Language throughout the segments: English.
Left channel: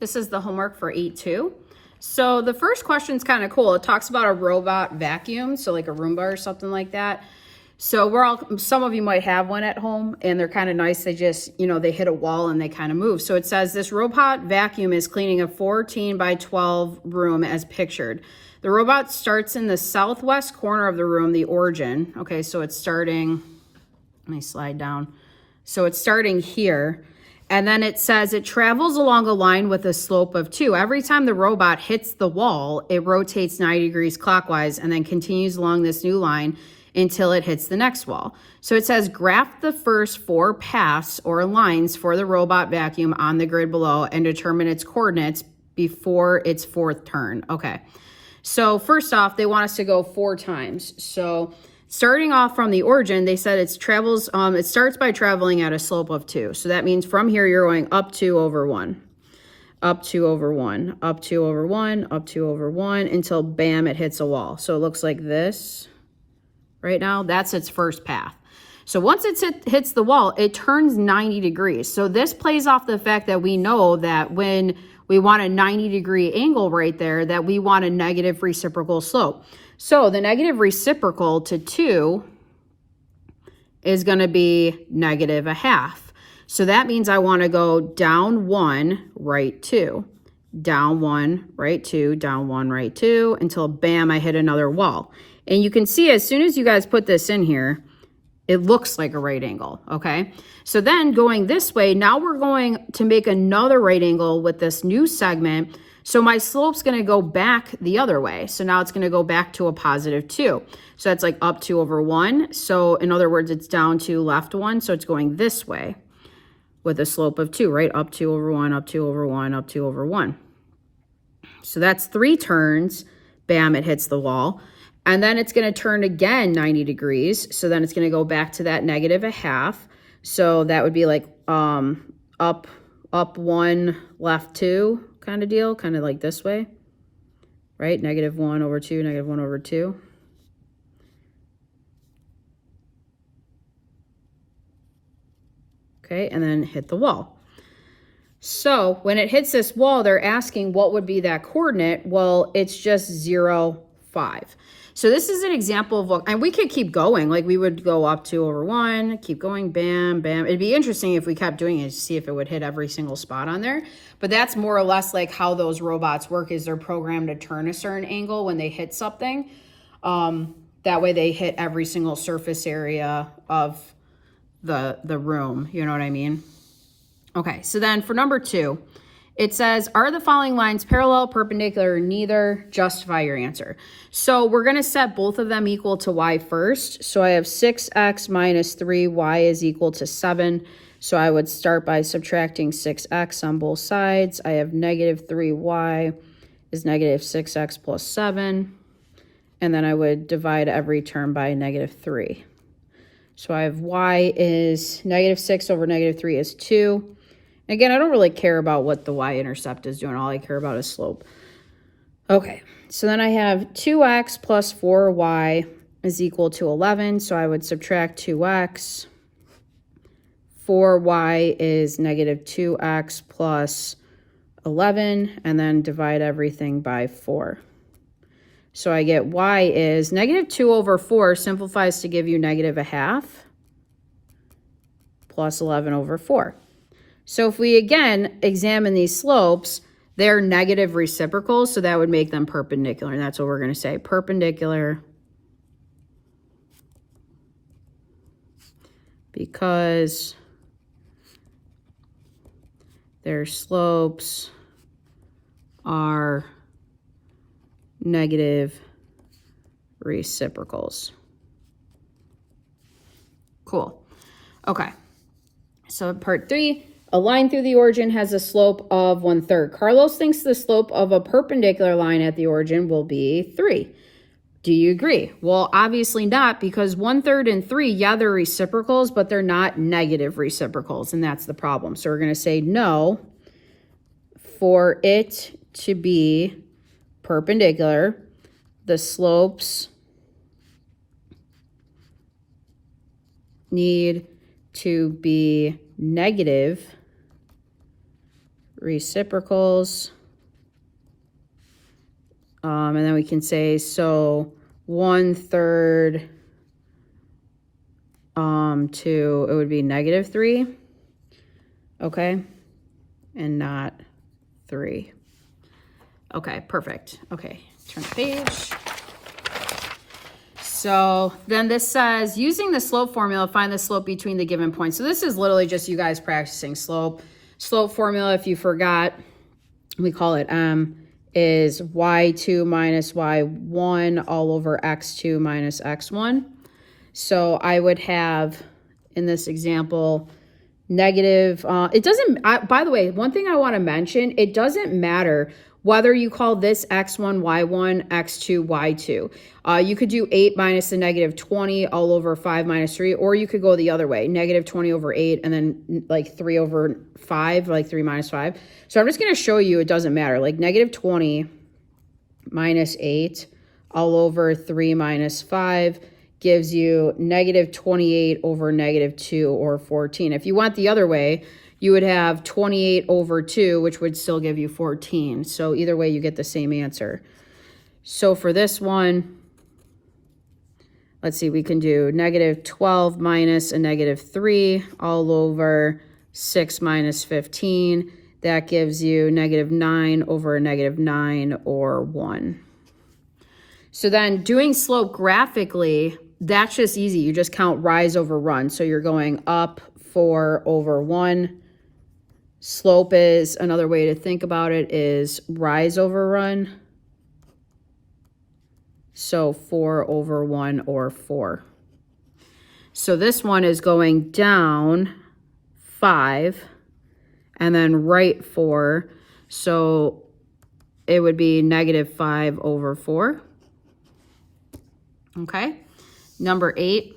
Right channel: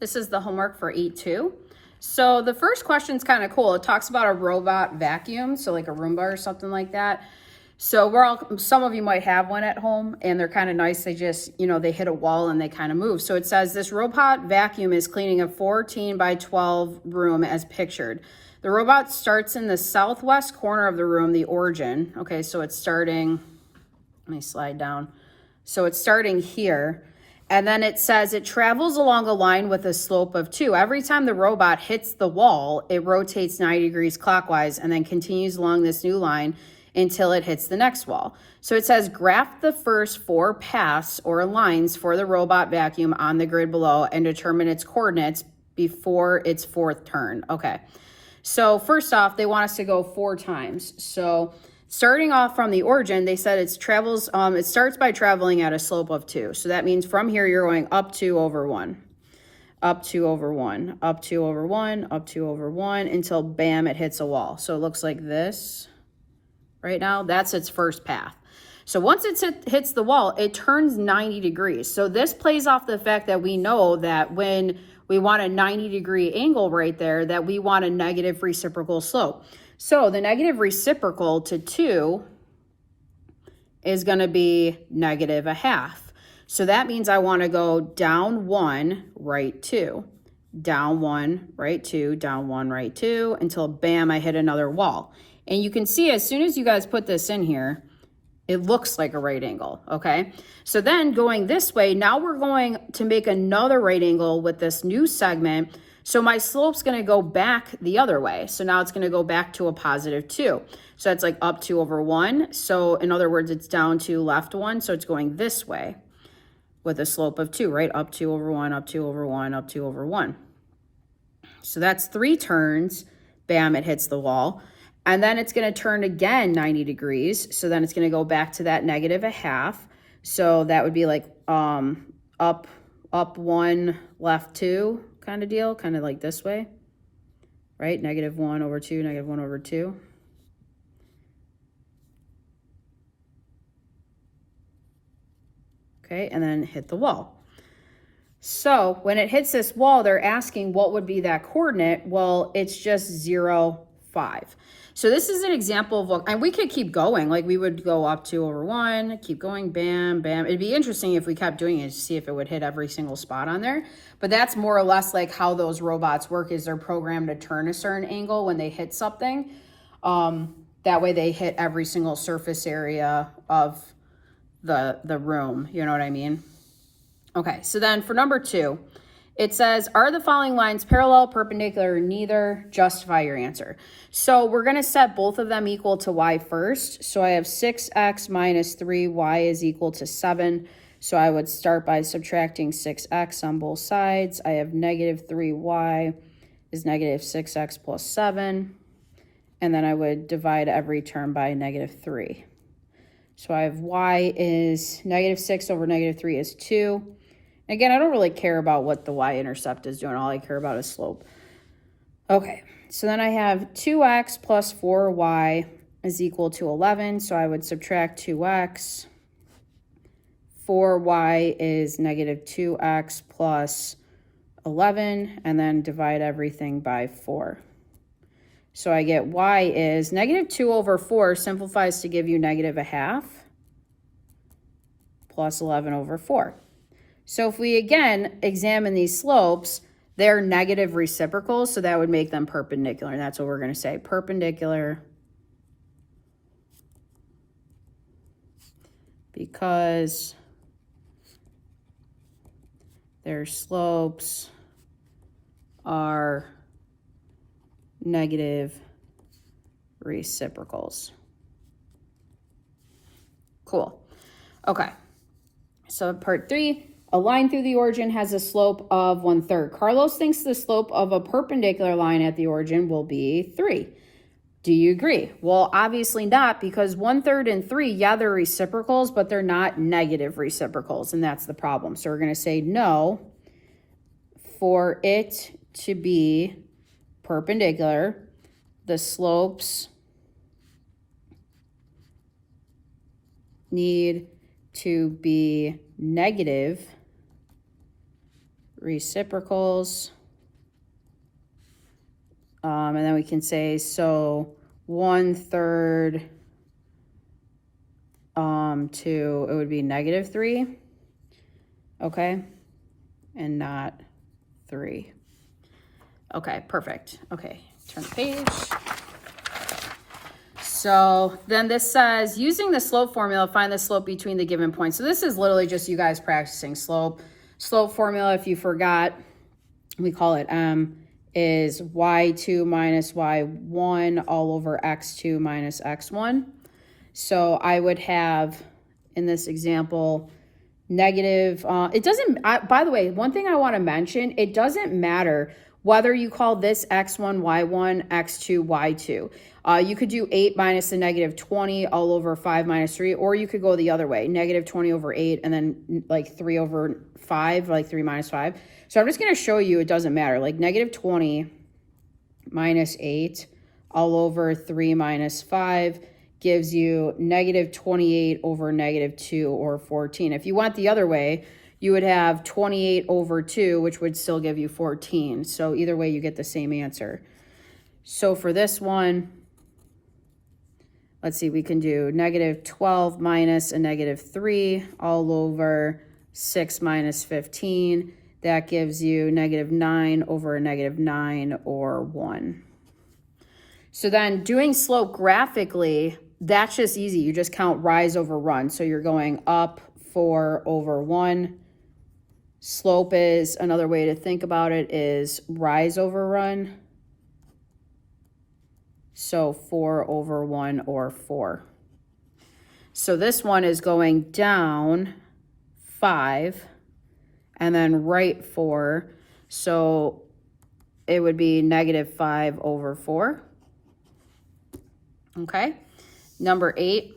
This is the homework for 8-2. So the first question is kind of cool. It talks about a robot vacuum, so like a Roomba or something like that. So some of you might have one at home and they're kind of nice. They just, they hit a wall and they kind of move. So it says this robot vacuum is cleaning a 14 by 12 room as pictured. The robot starts in the southwest corner of the room, the origin. Okay, so it's starting, let me slide down. So it's starting here. And then it says it travels along a line with a slope of 2. Every time the robot hits the wall, it rotates 90 degrees clockwise and then continues along this new line until it hits the next wall. So it says graph the first 4 paths or lines for the robot vacuum on the grid below and determine its coordinates before its 4th turn. Okay, so first off, they want us to go 4 times. So starting off from the origin, they said it starts by traveling at a slope of 2. So that means from here, you're going up 2 over 1, up 2 over 1, up 2 over 1, up 2 over 1, until bam, it hits a wall. So it looks like this right now. That's its first path. So once it hits the wall, it turns 90 degrees. So this plays off the fact that we know that when we want a 90-degree angle right there, that we want a negative reciprocal slope. So the negative reciprocal to 2 is going to be negative a half. So that means I want to go down 1, right 2, down 1, right 2, down 1, right 2, until bam, I hit another wall. And you can see as soon as you guys put this in here, it looks like a right angle, okay? So then going this way, now we're going to make another right angle with this new segment. So my slope's gonna go back the other way. So now it's gonna go back to a positive 2. So that's like up 2 over 1. So in other words, it's down 2, left 1. So it's going this way with a slope of 2, right? Up 2 over 1, up 2 over 1, up 2 over 1. So that's 3 turns. Bam, it hits the wall. And then it's going to turn again 90 degrees. So then it's going to go back to that negative a half. So that would be like up 1, left 2 kind of deal, kind of like this way, right? Negative 1 over 2, negative 1 over 2. Okay, and then hit the wall. So when it hits this wall, they're asking what would be that coordinate. Well, it's just 0, 5. So this is an example of what, and we could keep going. Like we would go up 2 over 1, keep going, bam, bam. It'd be interesting if we kept doing it to see if it would hit every single spot on there. But that's more or less like how those robots work, is they're programmed to turn a certain angle when they hit something. That way they hit every single surface area of the room. You know what I mean? Okay, so then for number 2, it says, are the following lines parallel, perpendicular, or neither? Justify your answer. So we're going to set both of them equal to y first. So I have 6x minus 3y is equal to 7. So I would start by subtracting 6x on both sides. I have negative 3y is negative 6x plus 7. And then I would divide every term by negative 3. So I have y is negative 6 over negative 3 is 2. Again, I don't really care about what the y-intercept is doing. All I care about is slope. Okay, so then I have 2x plus 4y is equal to 11. So I would subtract 2x. 4y is negative 2x plus 11, and then divide everything by 4. So I get y is negative 2 over 4 simplifies to give you negative a half plus 11 over 4. So if we, again, examine these slopes, they're negative reciprocals, so that would make them perpendicular, and that's what we're going to say, perpendicular, because their slopes are negative reciprocals. Cool. Okay, so part 3. A line through the origin has a slope of 1/3. Carlos thinks the slope of a perpendicular line at the origin will be 3. Do you agree? Well, obviously not, because 1/3 and 3, yeah, they're reciprocals, but they're not negative reciprocals, and that's the problem. So we're going to say no. For it to be perpendicular, the slopes need to be negative reciprocals. And then we can say, so 1/3 to, it would be -3, okay, and not 3. Okay, perfect. Okay, turn the page. So then this says, using the slope formula, find the slope between the given points. So this is literally just you guys practicing slope. Slope formula, if you forgot, we call it M, is y2 minus y1 all over x2 minus x1. So I would have, in this example, negative, it doesn't, by the way, one thing I want to mention, it doesn't matter whether you call this x1, y1, x2, y2. You could do 8 minus the -20 all over 5 minus 3, or you could go the other way, -20 over 8, and then like 3 over 5, like 3 minus 5. So I'm just going to show you it doesn't matter. Like -20 minus 8 all over 3 minus 5 gives you -28 over -2 or 14. If you went the other way, you would have 28 over 2, which would still give you 14. So either way, you get the same answer. So for this one, let's see, we can do -12 minus a -3 all over 6 minus 15. That gives you -9 over a -9 or 1. So then doing slope graphically, that's just easy. You just count rise over run. So you're going up 4 over 1. Slope is, another way to think about it is rise over run. So 4 over 1 or 4. So this one is going down 5 and then right 4. So it would be -5 over 4. Okay. Number 8.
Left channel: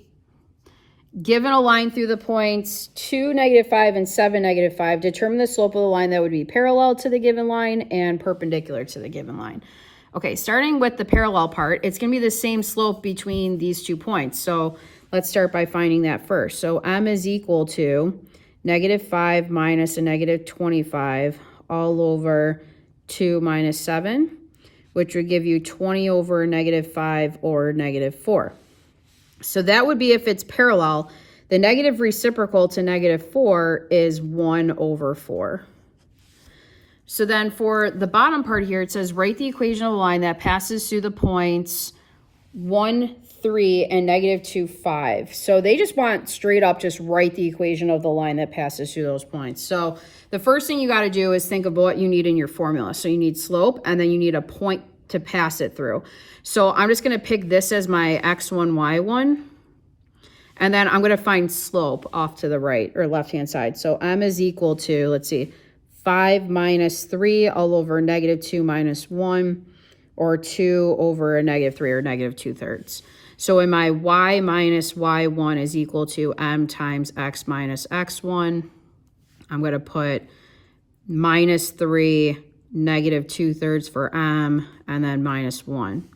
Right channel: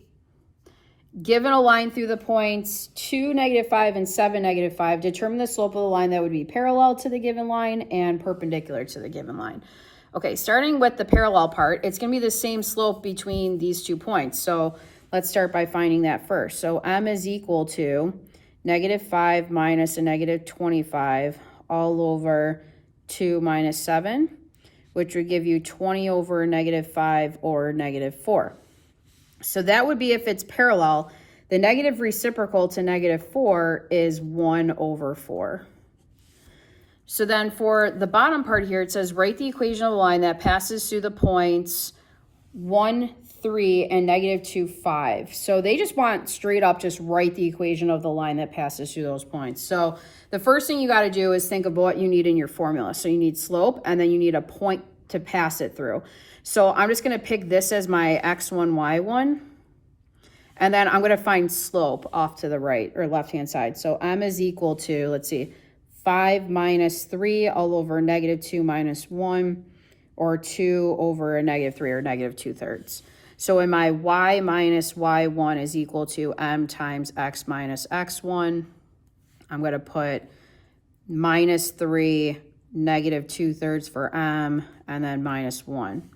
Given a line through the points 2, -5, and 7, -5, determine the slope of the line that would be parallel to the given line and perpendicular to the given line. Okay, starting with the parallel part, it's going to be the same slope between these 2 points. So let's start by finding that first. So M is equal to -5 minus a -25 all over 2 minus 7, which would give you 20 over -5 or -4. So that would be if it's parallel. The negative reciprocal to -4 is 1 over 4. So then for the bottom part here, it says write the equation of the line that passes through the points 1, 3, and -2, 5. So they just want straight up just write the equation of the line that passes through those points. So the first thing you got to do is think of what you need in your formula. So you need slope, and then you need a point to pass it through. So I'm just going to pick this as my x1, y1. And then I'm going to find slope off to the right or left-hand side. So M is equal to, let's see, 5 minus 3 all over -2 minus 1, or 2 over a -3 or -2/3. So in my y minus y1 is equal to M times x minus x1. I'm going to put -3, -2/3 for M, and then -1.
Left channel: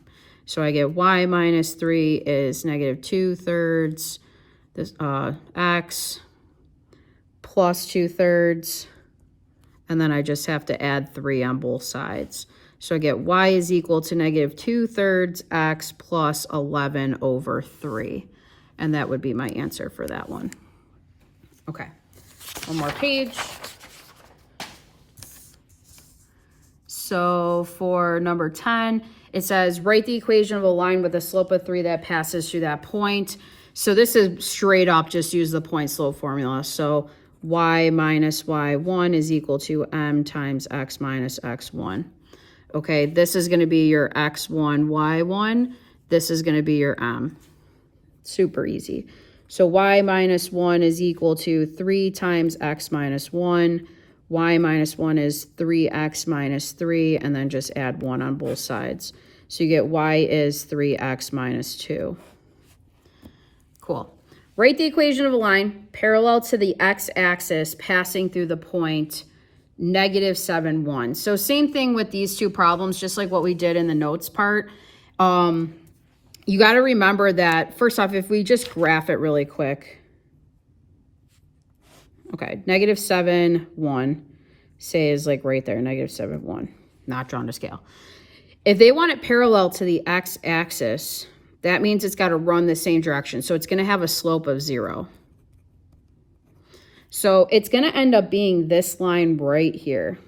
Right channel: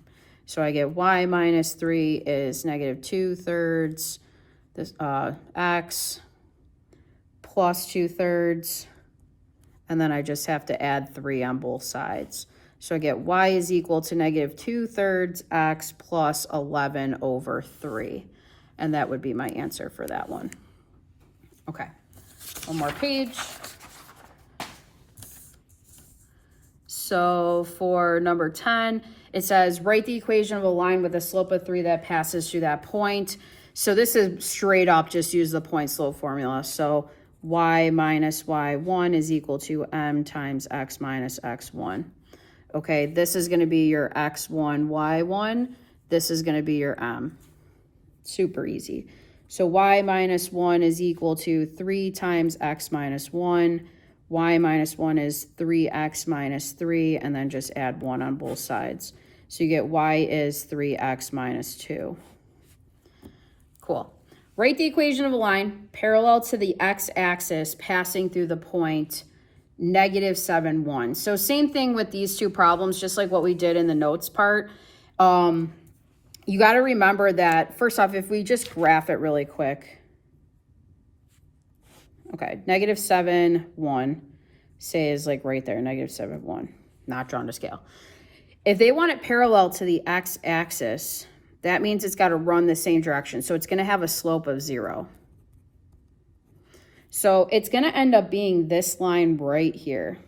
So I get y minus 3 is -2/3, this x plus 2/3, and then I just have to add 3 on both sides. So I get y is equal to -2/3 x plus 11 over 3. And that would be my answer for that one. Okay, one more page. So for number 10, it says write the equation of a line with a slope of 3 that passes through that point. So this is straight up, just use the point slope formula. So y minus y1 is equal to M times x minus x1. Okay, this is going to be your x1, y1. This is going to be your M. Super easy. So y minus 1 is equal to 3 times x minus 1. Y minus 1 is 3x minus 3, and then just add 1 on both sides. So you get y is 3x minus 2. Cool. Write the equation of a line parallel to the x-axis passing through the point -7, 1. So same thing with these 2 problems, just like what we did in the notes part. You got to remember that, first off, if we just graph it really quick. Okay, -7, 1. say is like right there, negative 7, 1, not drawn to scale. If they want it parallel to the x-axis, that means it's got to run the same direction. So it's going to have a slope of 0. So it's going to end up being this line right here.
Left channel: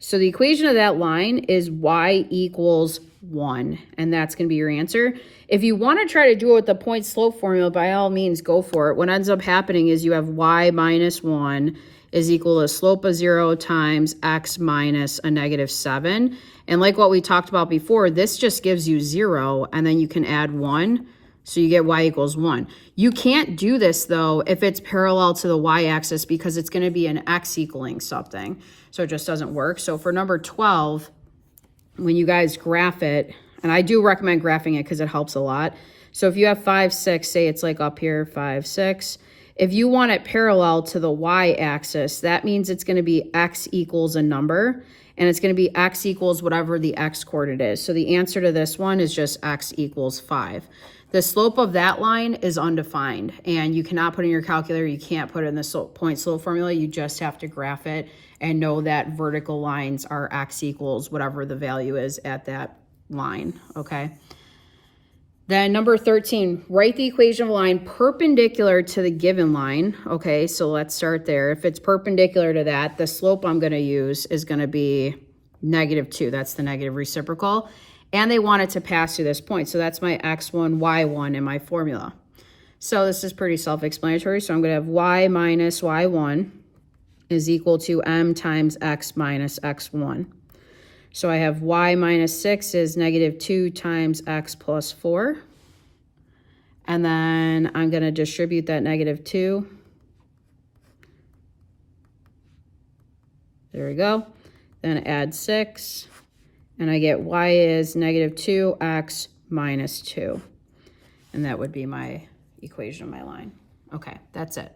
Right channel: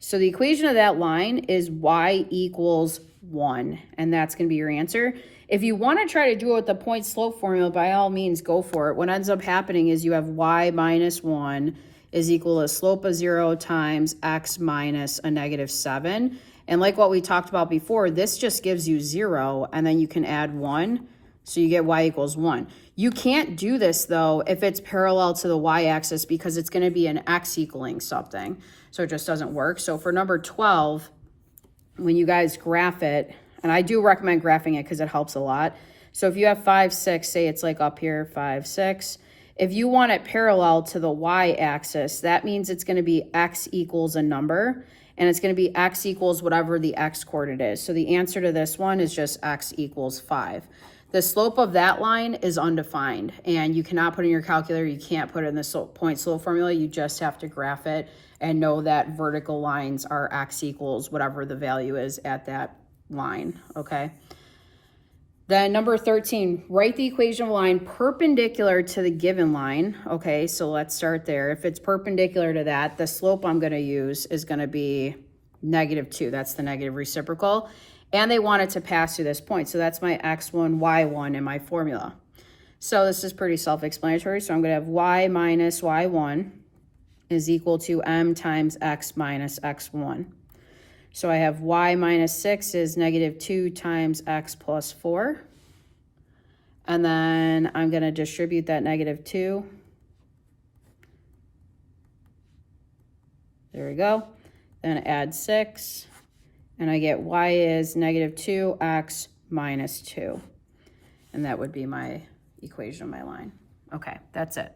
So the equation of that line is y equals 1, and that's going to be your answer. If you want to try to do it with the point slope formula, by all means, go for it. What ends up happening is you have y minus 1 is equal to a slope of 0 times x minus a negative 7. And like what we talked about before, this just gives you 0, and then you can add 1. So you get y equals 1. You can't do this, though, if it's parallel to the y-axis because it's going to be an x equaling something. So it just doesn't work. So for number 12, when you guys graph it, and I do recommend graphing it because it helps a lot. So if you have 5, 6, say it's like up here, 5, 6. If you want it parallel to the y-axis, that means it's going to be x equals a number, and it's going to be x equals whatever the x coordinate is. So the answer to this one is just x equals 5. The slope of that line is undefined, and you cannot put in your calculator. You can't put it in the point slope formula. You just have to graph it and know that vertical lines are x equals whatever the value is at that line, okay? Then number 13, write the equation of a line perpendicular to the given line. Okay, so let's start there. If it's perpendicular to that, the slope I'm going to use is going to be negative 2. That's the negative reciprocal. And they want it to pass through this point. So that's my x1, y1 in my formula. So this is pretty self-explanatory. So I'm going to have y minus y1 is equal to m times x minus x1. So I have y minus 6 is negative 2 times x plus 4. And then I'm going to distribute that negative 2. There we go. Then add 6. And I get y is negative 2x minus 2. And that would be my equation of my line. Okay, that's it.